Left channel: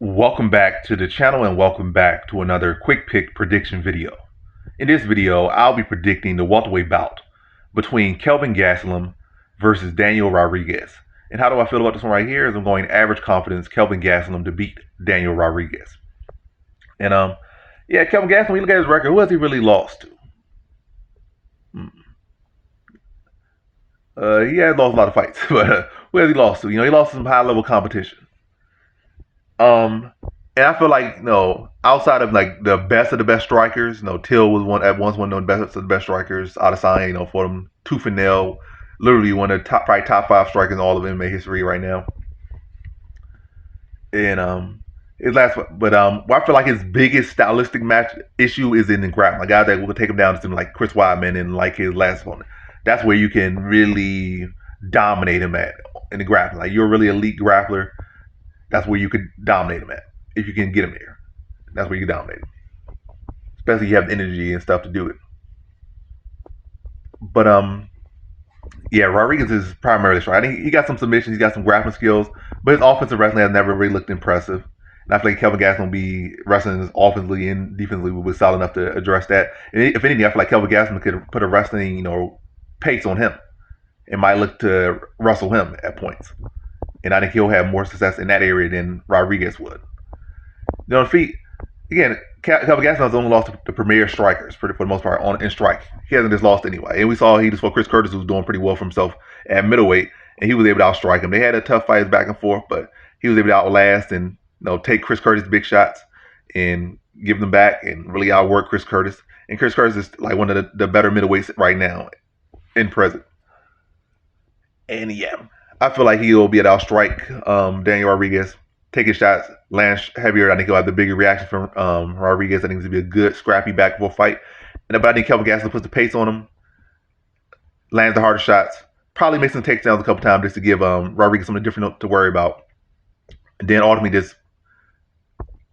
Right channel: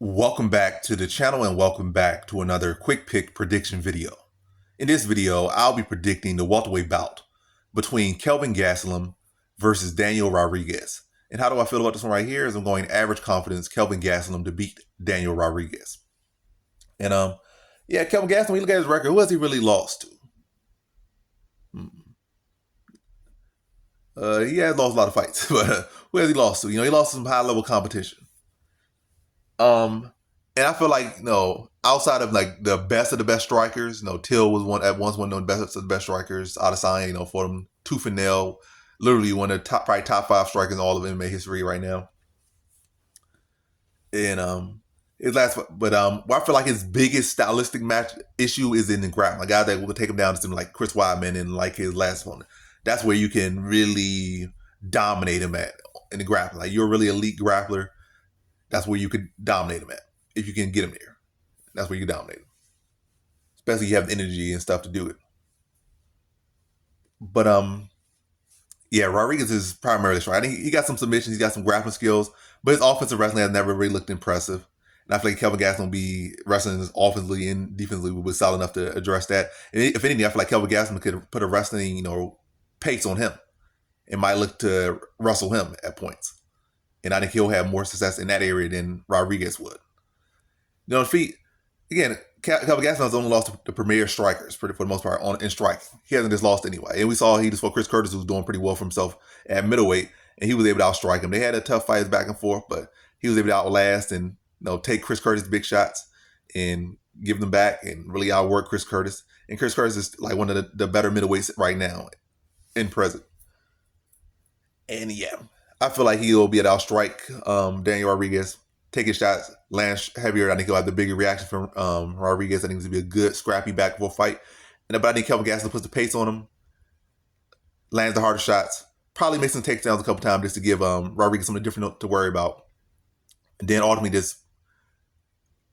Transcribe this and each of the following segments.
Welcome back to the channel and welcome back to another quick pick prediction video. In this video, I'll be predicting the welterweight bout between Kelvin Gastelum versus Daniel Rodriguez. And how do I feel about this one right here is I'm going average confidence Kelvin Gastelum to beat Daniel Rodriguez. And yeah, Kelvin Gastelum, you look at his record, who has he really lost to? He has lost a lot of fights, but who has he lost to? He lost to some high level competition. And I feel like, outside of like the best of the best strikers, Till was one of the best of the best strikers. Adesanya, for them tooth and nail, literally one of the probably top 5 strikers in all of MMA history right now. And his last, but I feel like his biggest stylistic match issue is in the grappling. Like, guys that will take him down to something like Chris Weidman and like his last opponent. That's where you can really dominate him at in the grappling. Like, you're a really elite grappler. That's where you could dominate him at. If you can get him there, that's where you can dominate him. Especially if you have the energy and stuff to do it. But yeah, Rodriguez is primarily strong. I think he got some submissions, he's got some grappling skills, but his offensive wrestling has never really looked impressive. And I feel like Kelvin Gastelum will be wrestling offensively and defensively will be solid enough to address that. And if anything, I feel like Kelvin Gastelum could put a wrestling, pace on him and might look to wrestle him at points. And I think he'll have more success in that area than Rodriguez would. Defeat, again, Kelvin Gastelum has only lost to the premier strikers for the most part in strike. He hasn't just lost anyway. And we saw he just fought Chris Curtis, who was doing pretty well for himself at middleweight, and he was able to outstrike him. They had a tough fight back and forth, but he was able to outlast and take Chris Curtis' big shots and give them back and really outwork Chris Curtis. And Chris Curtis is like one of the better middleweights right now in present. And yeah, I feel like he'll be able to outstrike Daniel Rodriguez, take his shots, land heavier. I think he'll have the bigger reaction from Rodriguez. I think it's going to be a good, scrappy back and forth fight. But I think Kelvin Gastelum puts the pace on him, lands the harder shots, probably makes some takedowns a couple times just to give Rodriguez something different to worry about. And then ultimately just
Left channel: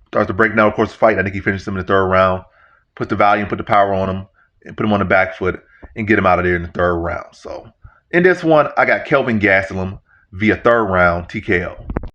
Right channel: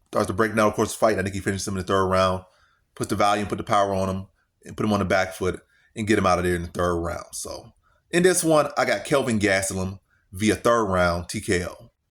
starts to break down, of course, the fight. I think he finishes him in the 3rd round, puts the volume, put the power on him, and put him on the back foot and get him out of there in the 3rd round. So in this one, I got Kelvin Gastelum via 3rd round TKO.